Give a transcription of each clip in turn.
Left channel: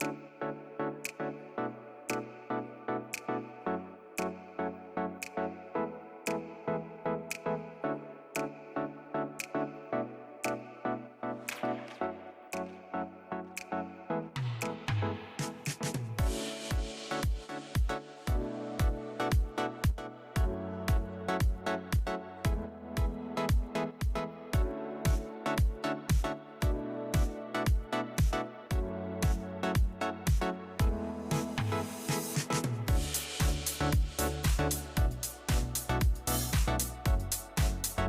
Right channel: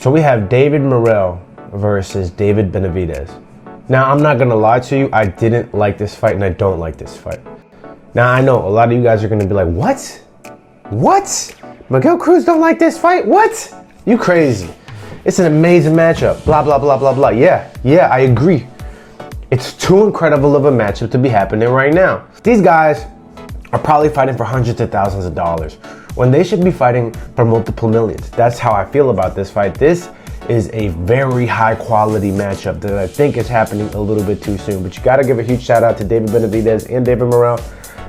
So we have David Morrell versus David Benavidez. Now, I'm not gonna lie to you, I didn't like this fight and I don't like this fight. Now, I know a lot of you guys are gonna be like, what? What? Miguel Cruz don't like this fight? What? You crazy. It's an amazing matchup, blah, blah, blah, blah, blah. Yeah, I agree. It's too incredible of a matchup to be happening right now. These guys are probably fighting for hundreds of thousands of dollars when they should be fighting for multiple millions. That's how I feel about this fight. This is a very high quality matchup that I think is happening a little bit too soon. But you gotta give a huge shout out to David Benavidez and David Morrell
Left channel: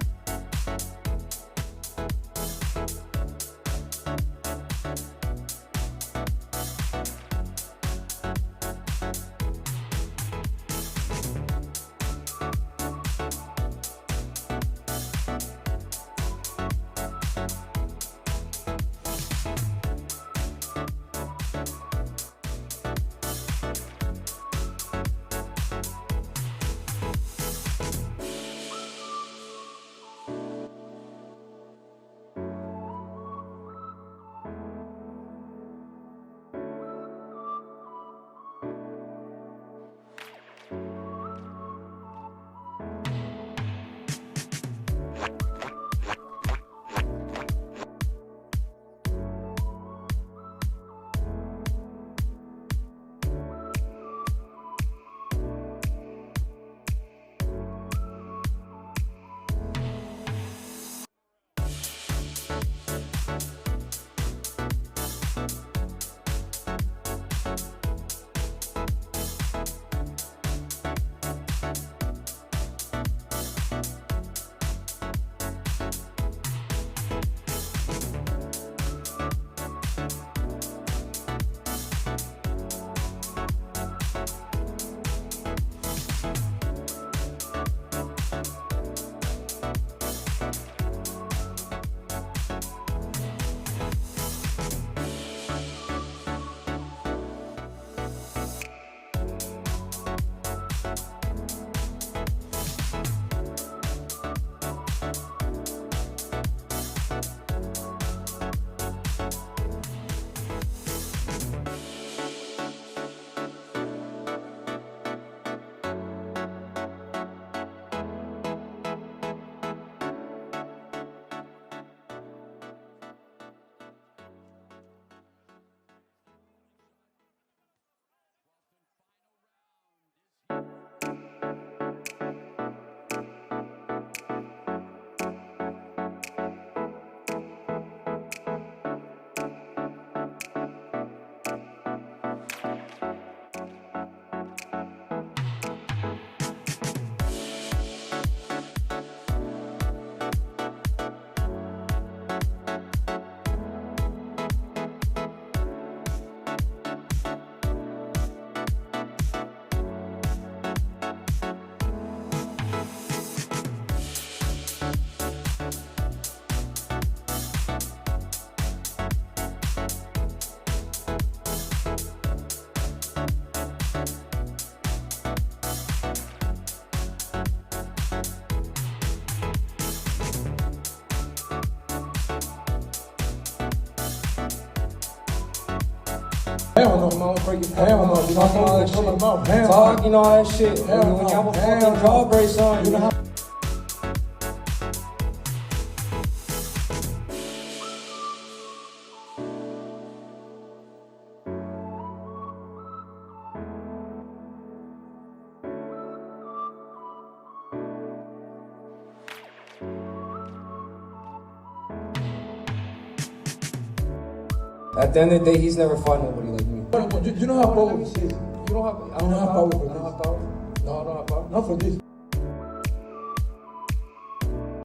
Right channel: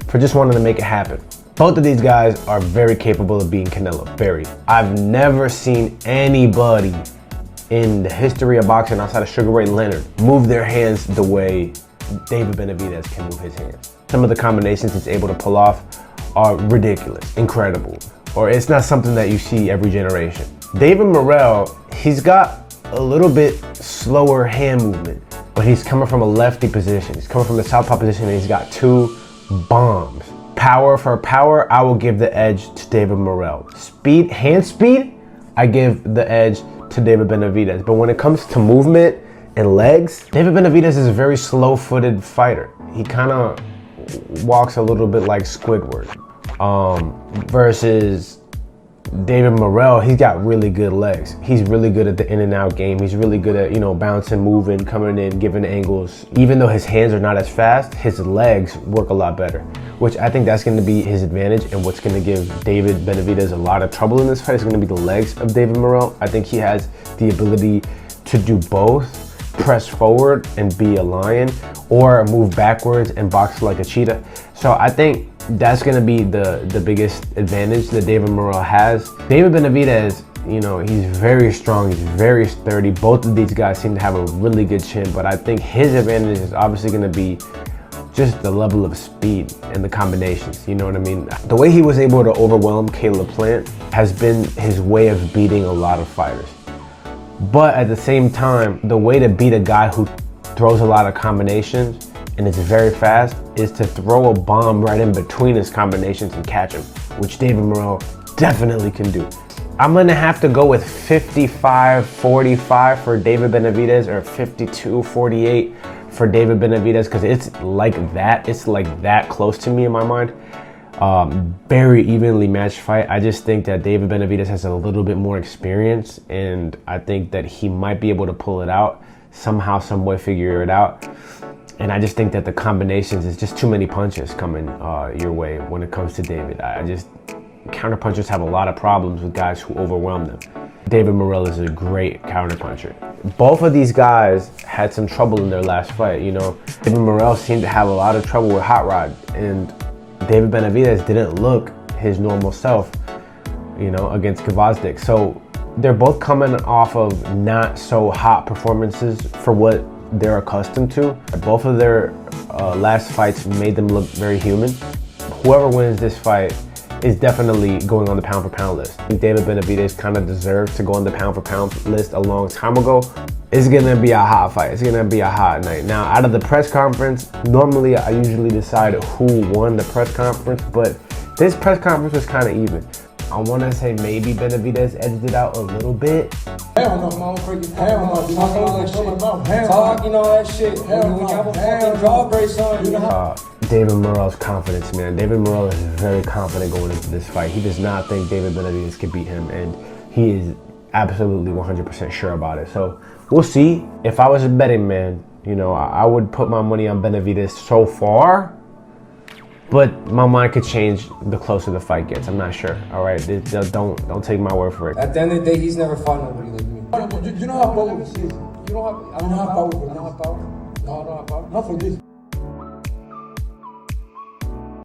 for just wanting to make it happen. Both of these guys are very capable of being Canelo, very. I've never seen anybody in the history of boxing outside of Sugar Ray Leonard move their hands the way David Benavidez can move his hands. Some of the combinations he's able to pull off are ridiculous, incredible, or it's not something that you see every generation. David Morrell, he's got a little bit slower hand movement, but he's coming from a lefty position. He's coming from the southpaw position and he's got two bombs. Power for power, I will give the edge to David Morrell. Speed, hand speed, I give the edge to David Benavidez. But when it comes to movement and legs, David Benavidez is a very slow-footed fighter. He kind of walks a little bit like Squidward. Versus David Morrell, he's got really good legs. He's really good at the in and out game. He's really good at, bouncing, moving, coming in, giving angles. Even though his hands are not as fast, his legs work a lot better, which I think that's gonna be his advantage, and what's gonna give David Benavidez a lot of trouble in this fight is gonna be the legs of David Morrell. I think he has the ability to do both, press forward and be a lion, or move backwards and box like a cheetah. So I think that's gonna be the biggest advantage that David Morrell has. David Benavidez, he's very strong, he's very sturdy. Both of these guys seem to have a really good chin, but I think his advantage is obviously gonna be just the level of speed and the combinations, you know what I mean? The way he was able to overwhelm Caleb Plant has been his way of beating a lot of fighters. But at the same time, the way to beat a guy who throws a lot of combinations and is very fast is to throw a bomb right in between his combinations and catch him, which David Morrell definitely can do. I'm gonna have to go with 55-45 for David Benavidez, or 52-48 for David Benavidez, because it's like that close to me in my mind. Very evenly matched fight. I just think that David Benavidez has a little bit more experience, and I think that he might be able to pull it out somehow, some way, figure it out. And I just think that the combinations is just too many punches coming your way when it comes to David. Counterpunchers have a lot of problems with guys who overwhelm them. David Morrell is a great counterpuncher. Both of these guys had some trouble in their last fight. David Morrell seemed to have a lot of trouble with Hot Rod, and David Benavidez didn't look his normal self, against Gvozdyk. So they're both coming off of not so hot performances for what they're accustomed to. Both of their last fights made them look very human. Whoever wins this fight is definitely going on the pound for pound list. I think David Benavidez kind of deserves to go on the pound for pound list a long time ago. It's gonna be a hot fight. It's gonna be a hot night. Now, out of the press conference, normally I usually decide who won the press conference, but this press conference was kind of even. I want to say maybe Benavidez edged it out a little bit. Hell no, motherfucker. Hell no. You talking all that shit. When you have a fucking jaw brace on, David Morrell's confidence, man. David Morrell is very confident going into this fight. He does not think David Benavidez can beat him, and he is absolutely 100% sure about it. So we'll see. If I was a betting man, I would put my money on Benavidez so far, but my mind could change the closer the fight gets. I'm not sure. All right, don't take my word for it. At the end of the day, he's never fought nobody like me. You know how powerful he is. I don't have power for this. No, I don't have power. Not for this.